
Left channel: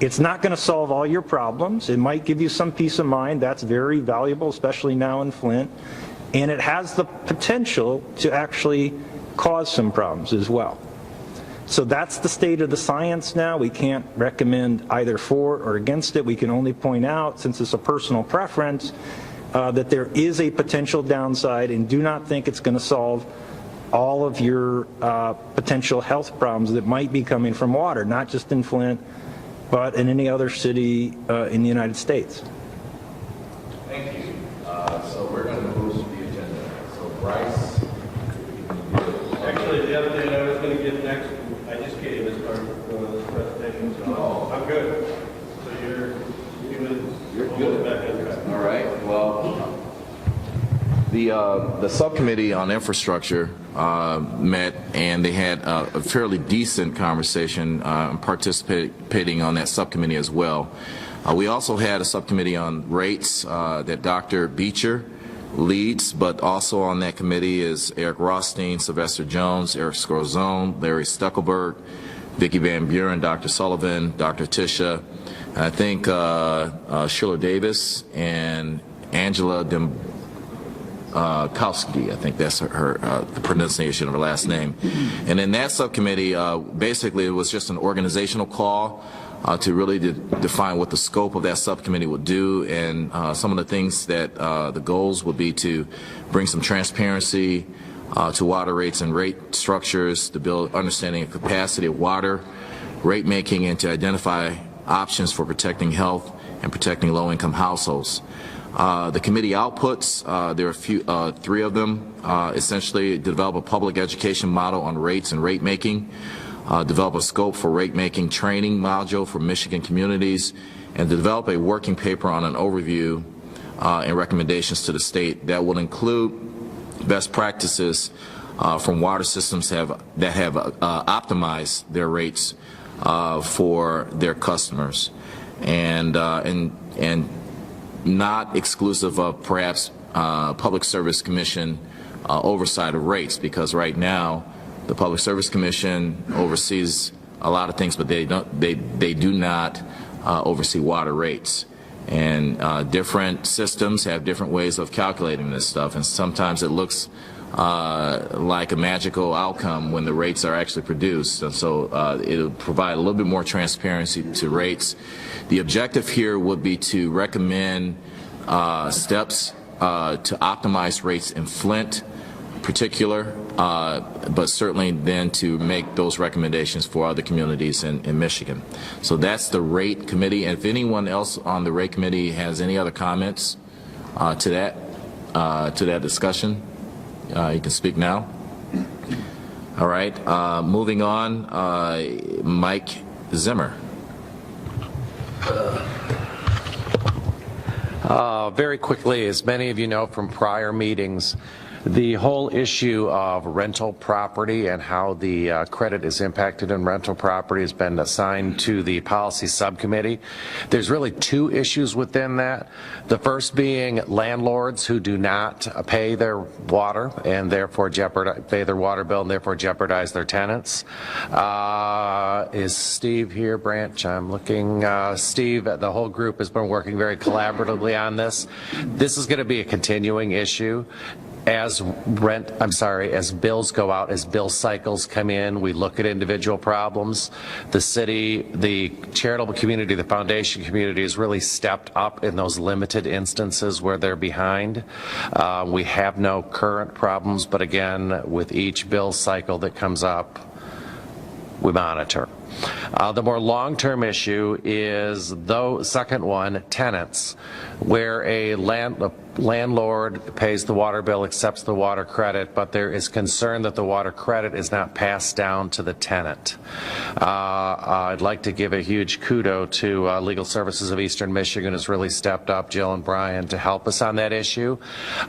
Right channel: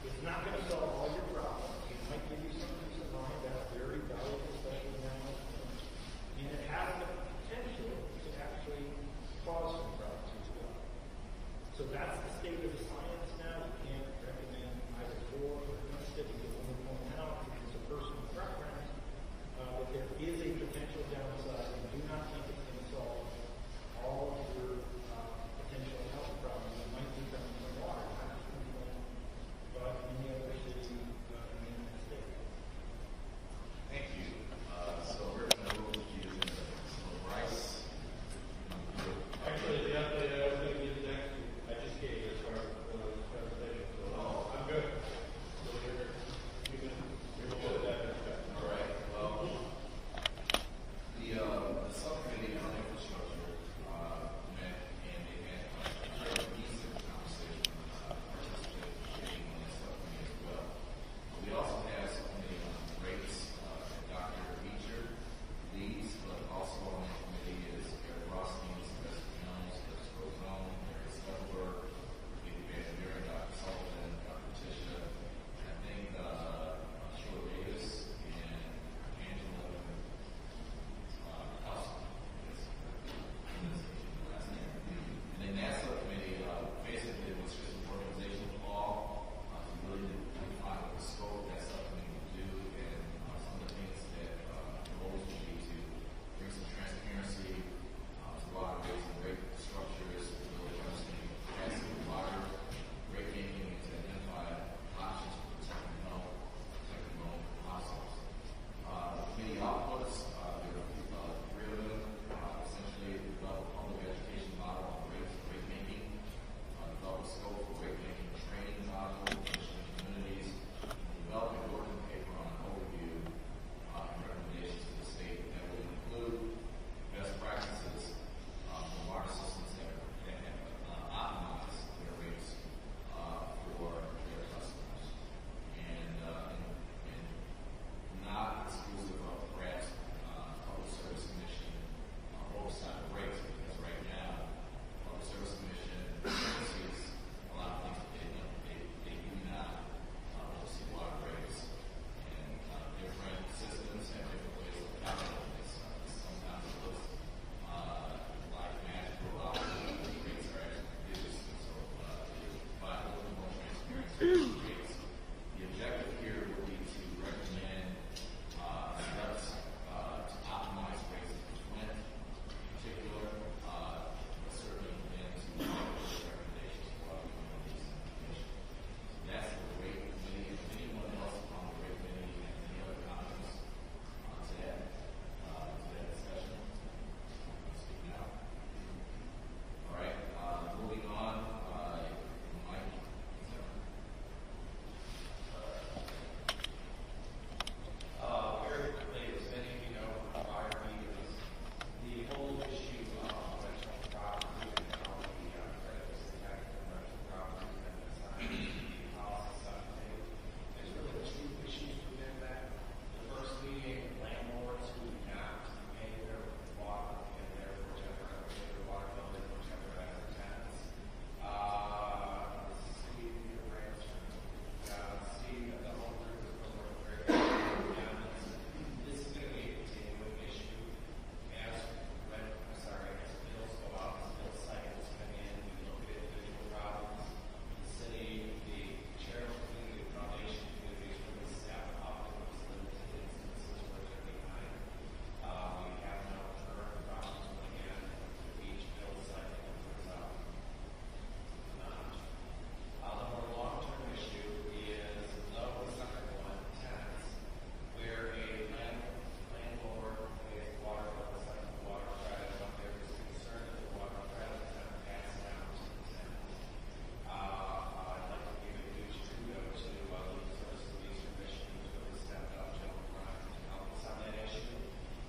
it's not going to solve all your problems. It might give you some peace of mind. That's very valuable, especially now in Flint. And it has the potential to actually cause some problems as well. So that's the state of the science now. We can't recommend either for or against it. We can only point out, since it's a personal preference, that there is a potential downside, and do not think it's going to solve all of your potential health problems that might be coming from water, not just in Flint, but in any other city in the United States. Thank you. So we're going to move to the agenda. So Bryce. Actually, the other thing I was going to get next, I just gave as part of this presentation, so I'm good. So you're good. Back on track. All right. Well, the subcommittee on infrastructure met, and they had a fairly decent conversation, participating on that subcommittee as well. We also had a subcommittee on rates that Dr. Beecher leads, but also on that committee is Eric Rothstein, Sylvester Jones, Eric Scorzone, Larry Stuckelberg, Vicki Van Buren, Dr. Sullivan, Dr. Tisha, and I think Sheila Davis and Angela Kowski, I think that's her the pronunciation of her last name. And in that subcommittee, basically it was just an organizational call to really define what the scope of that subcommittee would do, and some of the things that the goals would be to bring some transparency to water rates and rate structures, to build understanding of capacity of water rate making, and to identify options for protecting health and protecting low-income households. The committee outputs, there are three of them, essentially develop a public education model on rates and rate making, develop a scope for rate making training module for Michigan communities, and develop a working paper on an overview and recommendations to the state that will include best practices from water systems that have optimized their rates for their customers, and not exclusive of perhaps Public Service Commission oversight of rates, because right now the Public Service Commission oversees a lot of things, but they do not oversee water rates. And different systems have different ways of calculating this stuff, and sometimes it looks like a magical outcome when the rates are actually produced. And so it'll provide a little bit more transparency to rates. The objective here would be to recommend steps to optimize rates in Flint in particular, but certainly then to make those recommendations for other communities in Michigan. So that's the rate committee. And if anyone else on the rate committee has any other comments to that discussion, you can speak now. All right, moving on, Mike Zimmer. Very quickly, as many of you know from prior meetings, The whole issue of rental property and how the credit is impacted in rental property has been assigned to the policy subcommittee. There's really two issues within that. The first being landlords who do not pay their water and therefore pay their water bill and therefore jeopardize their tenants. Is Steve here, Branch? I'm looking. Steve, the whole group has been working very collaboratively on this. This is going to be a continuing issue. As bills go out, as bill cycles come in, we look at individual problems. The city, the charitable community, the foundation community has really stepped up in those limited instances where they're behind. We have no current problems, but again, with each bill cycle that comes up, we monitor. The more long-term issue is, second one, tenants, where a landlord pays the water bill, accepts the water credit, but there is concern that the water credit is not passed down to the tenant. I'd like to give a huge kudo to Legal Services of Eastern Michigan, who's really stepped up, Jill and Brian, to help us on that issue.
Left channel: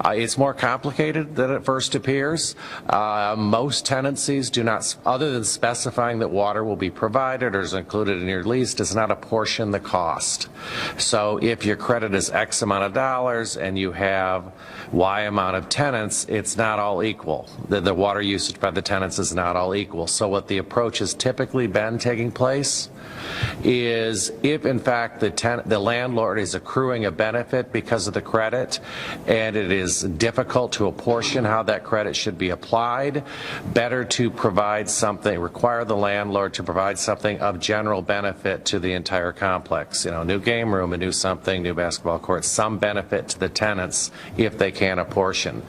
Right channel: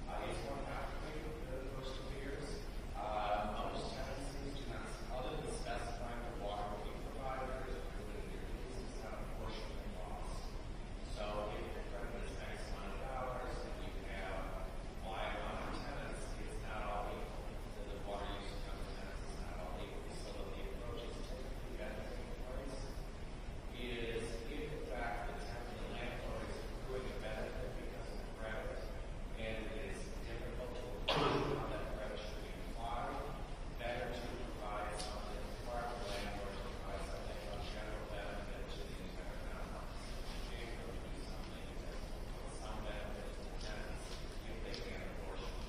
It's more complicated than it first appears. Most tenancies do not, other than specifying that water will be provided or is included in your lease, does not apportion the cost. So if your credit is X amount of dollars and you have Y amount of tenants, it's not all equal. The water usage by the tenants is not all equal. So what the approach has typically been taking place is, if in fact the landlord is accruing a benefit because of the credit and it is difficult to apportion how that credit should be applied, better to provide something, require the landlord to provide something of general benefit to the entire complex. You know, new game room, a new something, new basketball court, some benefit to the tenants if they can apportion.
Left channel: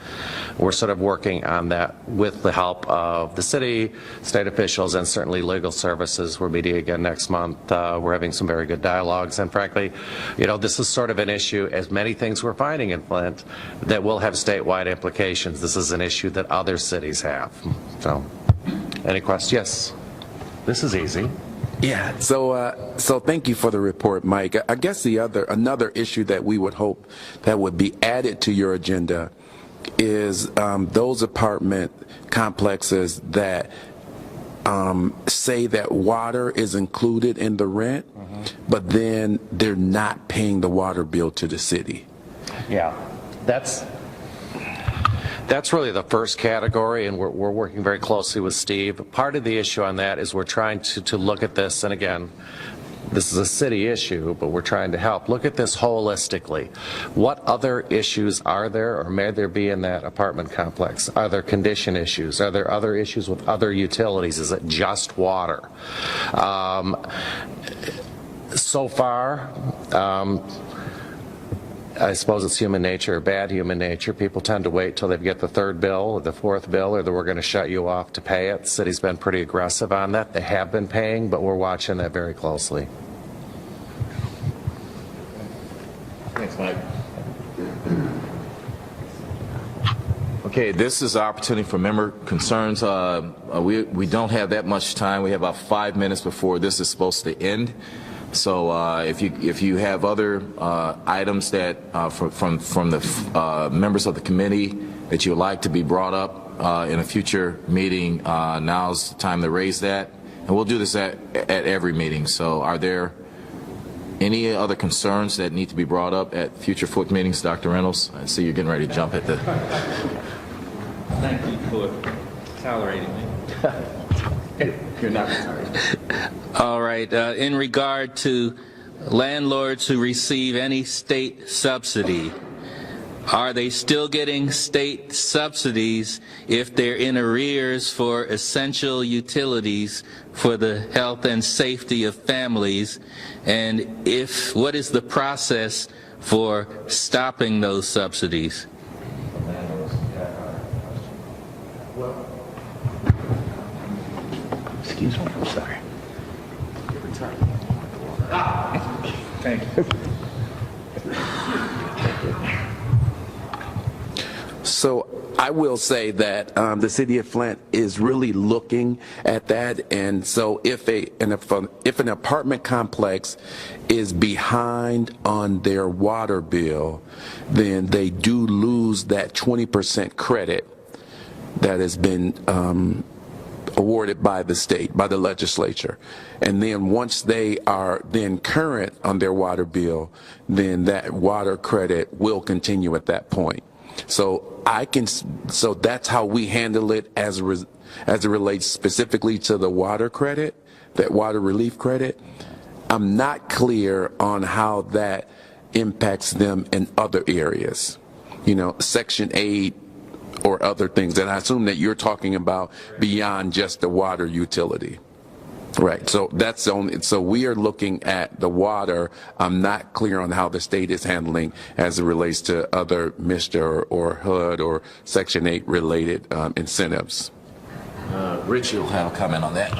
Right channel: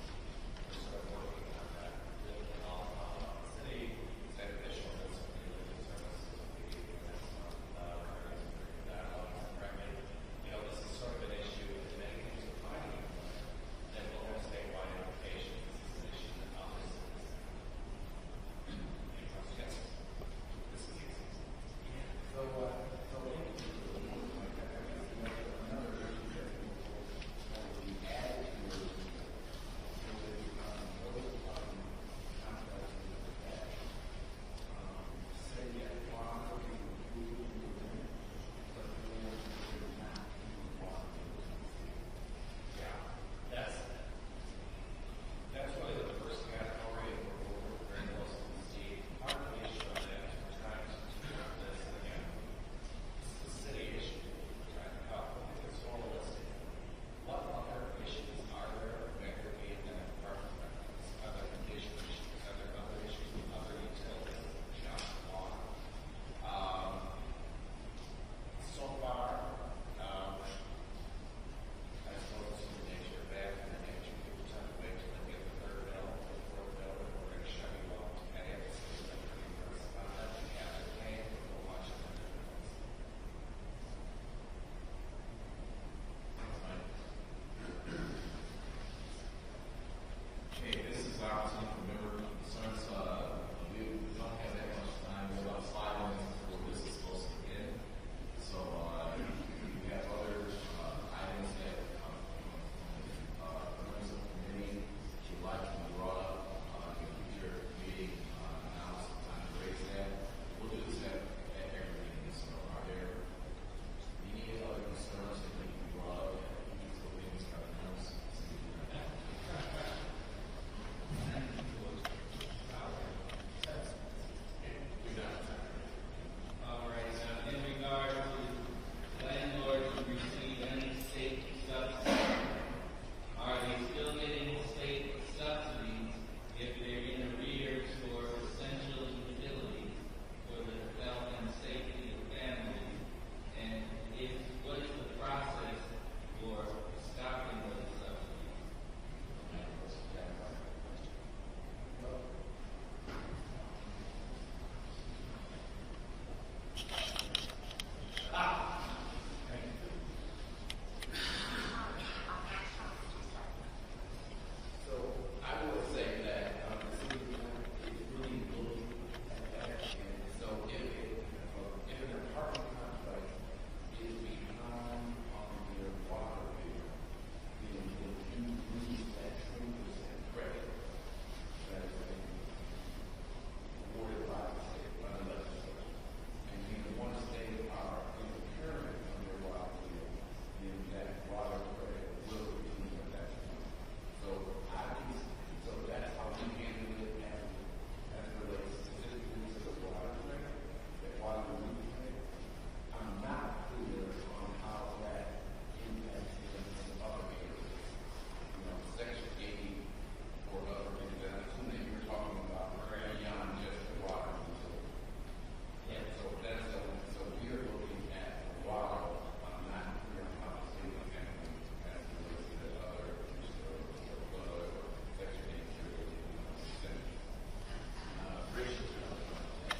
We're sort of working on that with the help of the city, state officials, and certainly legal services. We're meeting again next month. We're having some very good dialogues, and frankly, you know, this is sort of an issue, as many things we're finding in Flint, that will have statewide implications. This is an issue that other cities have. So, any questions? Yes. This is easy. Yeah, so thank you for the report, Mike. I guess another issue that we would hope that would be added to your agenda is those apartment complexes that say that water is included in the rent, but then they're not paying the water bill to the city. Yeah, that's really the first category, and we're working very closely with Steve. Part of the issue on that is we're trying to look at this, and again, this is a city issue, but we're trying to help. Look at this holistically. What other issues are there, or may there be in that apartment complex? Are there condition issues? Are there other issues with other utilities? Is it just water? So far, I suppose it's human nature, or bad human nature. People tend to wait till they get the third bill or the fourth bill, or that we're going to shut you off to pay it. The city's been pretty aggressive on that. They have been paying, but we're watching that very closely. Thanks, Mike. Okay, this is an opportunity for member concerns. We don't have that much time. We have about 5 minutes before this is supposed to end. So if you have other items that from the members of the committee that you would like to be brought up in a future meeting, now's the time to raise that. And we'll do this at every meeting. So are there any other concerns that need to be brought up at future FWICC meetings, Dr. Reynolds? I see you're getting ready to jump at the... Thank you for tolerating me. You're not retired. All right. In regard to landlords who receive any state subsidy, are they still getting state subsidies if they're in arrears for essential utilities for the health and safety of families? And what is the process for stopping those subsidies? Excuse me, I'm sorry. Thank you. So I will say that the city of Flint is really looking at that, and so if an apartment complex is behind on their water bill, then they do lose that 20% credit that has been awarded by the state, by the legislature. And then once they are then current on their water bill, then that water credit will continue at that point. So so that's how we handle it as it relates specifically to the water credit, that water relief credit. I'm not clear on how that impacts them in other areas, you know, Section 8 or other things. And I assume that you're talking about beyond just the water utility. Right, so that's only, so we are looking at the water. I'm not clear on how the state is handling as it relates to other MISTA or HUD or Section 8 related incentives. Rich, you'll have a comment on that.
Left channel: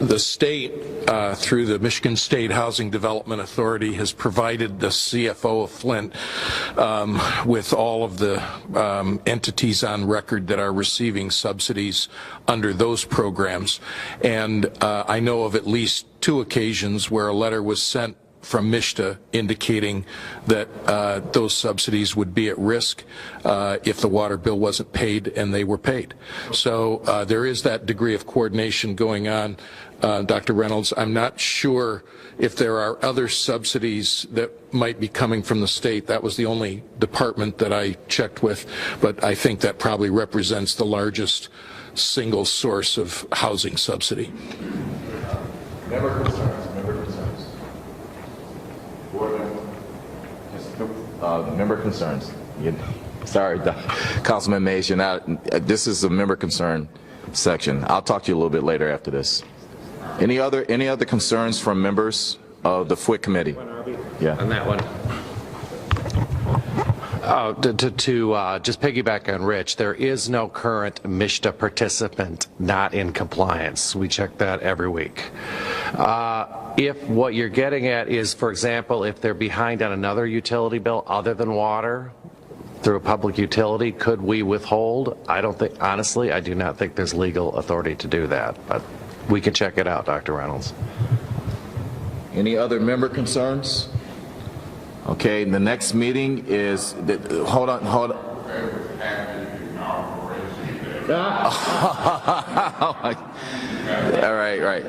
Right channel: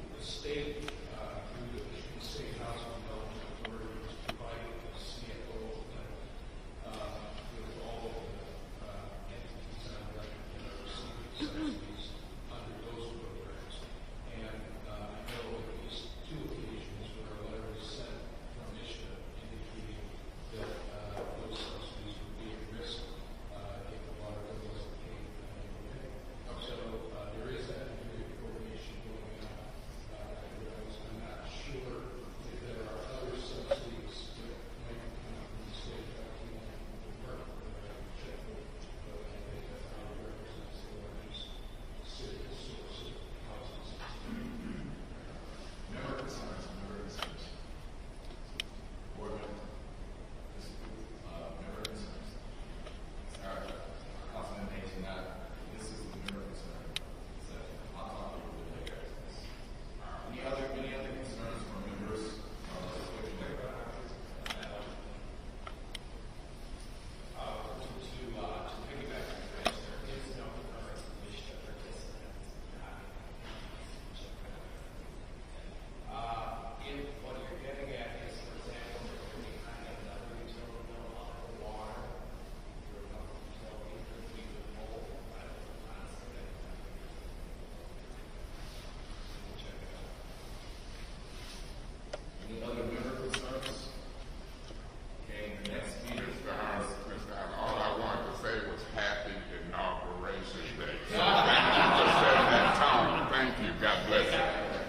The state, through the Michigan State Housing Development Authority, has provided the CFO of Flint with all of the entities on record that are receiving subsidies under those programs. And I know of at least 2 occasions where a letter was sent from MISTA indicating that those subsidies would be at risk if the water bill wasn't paid, and they were paid. So there is that degree of coordination going on, Dr. Reynolds. I'm not sure if there are other subsidies that might be coming from the state. That was the only department that I checked with, but I think that probably represents the largest single source of housing subsidy. Member concerns. Member concerns. Sorry, Councilman Mays, you're not. This is a member concern section. I'll talk to you a little bit later after this. Any other concerns from members of the FWICC committee? Yeah. On that one. To just piggyback on Rich, there is no current MISTA participant not in compliance. We check that every week. If what you're getting at is, for example, if they're behind on another utility bill other than water through a public utility, could we withhold? I don't think, honestly, I do not think there's legal authority to do that, but we can check it out, Dr. Reynolds. Any other member concerns? Okay, the next meeting is, hold on. All right.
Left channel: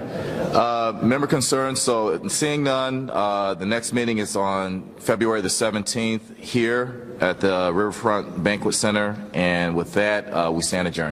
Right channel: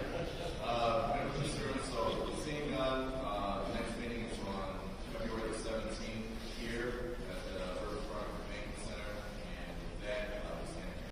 Member concerns, so seeing none, the next meeting is on February the 17th here at the Riverfront Banquet Center, and with that, we stand adjourned.